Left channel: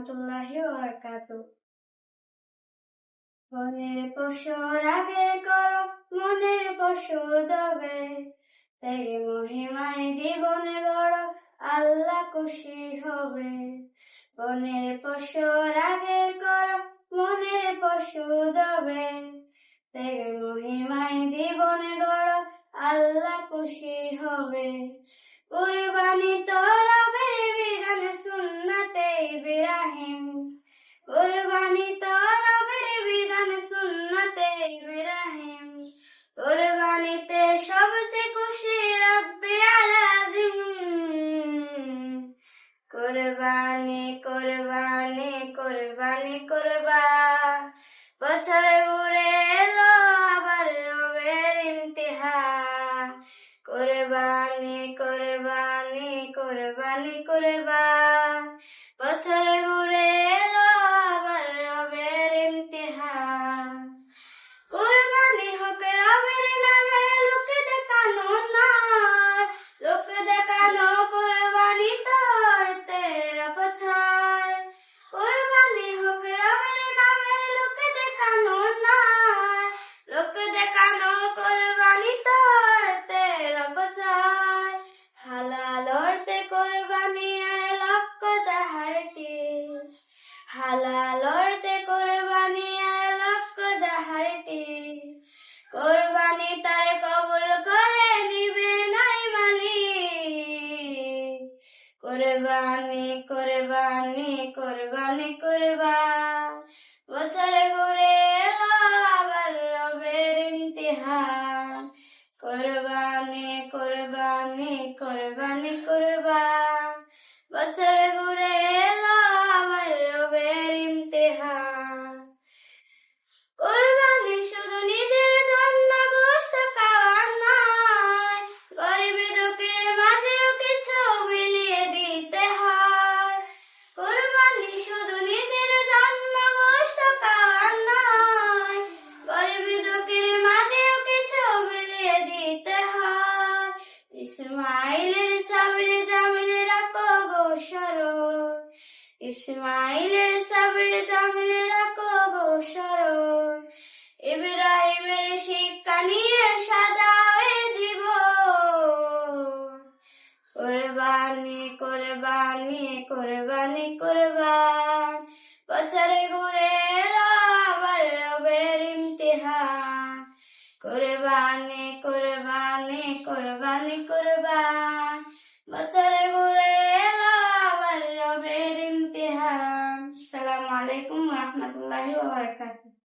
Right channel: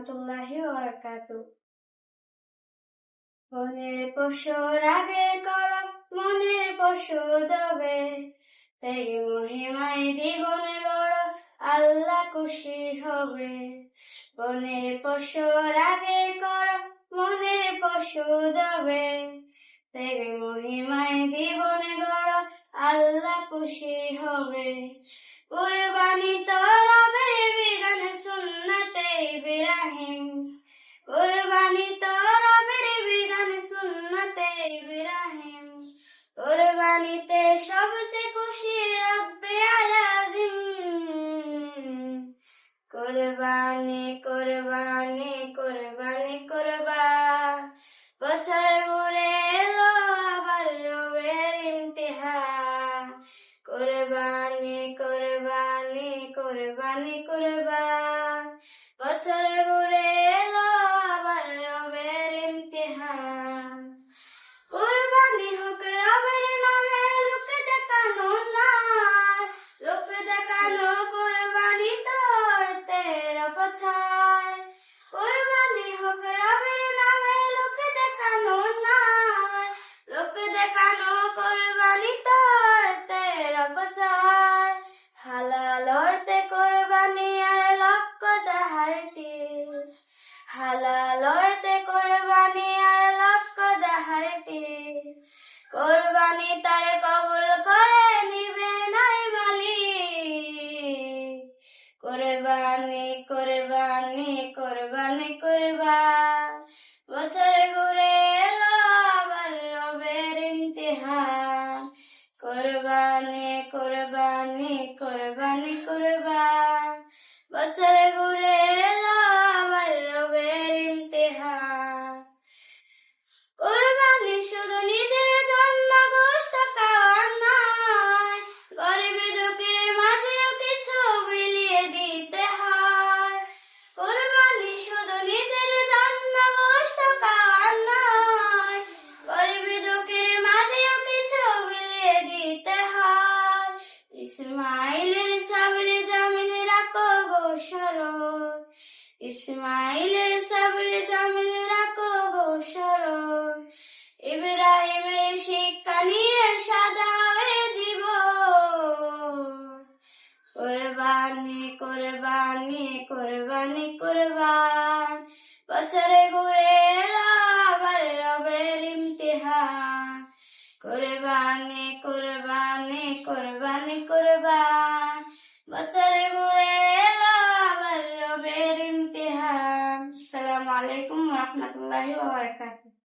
রাহমাতুল্লাহি ওয়া বারাকাতুহু। মনের পশুর আগে কর, মনের পশু যাবে, তাই মহিমায় জীবন গড়, আল্লাহ খুশি হবে। মনের পশুর আগে কর, মনের পশু যাবে, তাই মহিমায় জীবন গড়, আল্লাহ খুশি হবে। কুরবানি তো রবের বিধান, সুন্নতে ইব্রাহিম। কুরবানি তো রবের বিধান, সুন্নতে ইব্রাহিম। কুরবানিতে সবচেয়ে খুশি রব্বে আলাজিম। কুরবানি কুরবানি কুরবানি করবা, বছর ঘুরে এলো আবার রবের ইমতিহান। কুরবানি কুরবানি কুরবানি করবা, বছর ঘুরে এলো আবার রবের ইমতিহান। কুরবানি হোক রবের নামে, লোক দেখানো না, লোক দেখানো কুরবানি তোর তেরা বছর। কুরবানি হোক রবের নামে, লোক দেখানো না, লোক দেখানো কুরবানি তোর তেরা বছর। হালাল অর্থে কুরবানি আর লক্ষ জাহারটি, হালাল অর্থে কুরবানি আর লক্ষ জাহারটি। কুরবানি তার কবুল করে নিবে নাই মালিক। কুরবানি কুরবানি কুরবানি করবা, বছর ঘুরে এলো আবার রবের ইমতিহান। কুরবানি কুরবানি কুরবানি করবা, বছর ঘুরে এলো আবার রবের ইমতিহান। কুরবানি শুধু নিজের জন্য গোশত খাওয়া নয়, গরিব দুঃখীর মাঝেও কিছু বিলিয়ে দিতে হয়। কুরবানি শুধু নিজের জন্য গোশত খাওয়া নয়, গরিব দুঃখীর মাঝেও কিছু বিলিয়ে দিতে হয়। ইসমাইলের সাবরে জামিল রাখো গো স্মরণ, ইসমাইলের সাবরে জামিল রাখো গো স্মরণ। ইব্রাহিমের শিক্ষা নিয়ে সাজাও এ জীবন। কুরবানি কুরবানি কুরবানি কুরবান, বছরে ঘুরে এলো আবার রবের ইমতিহান। কুরবানি কুরবানি কুরবানি কুরবান, বছরে ঘুরে এলো আবার রবের ইমতিহান। আসসালামু আলাইকুম ওয়া রাহমাতুল্লাহি ওয়া বারাকাতুহু।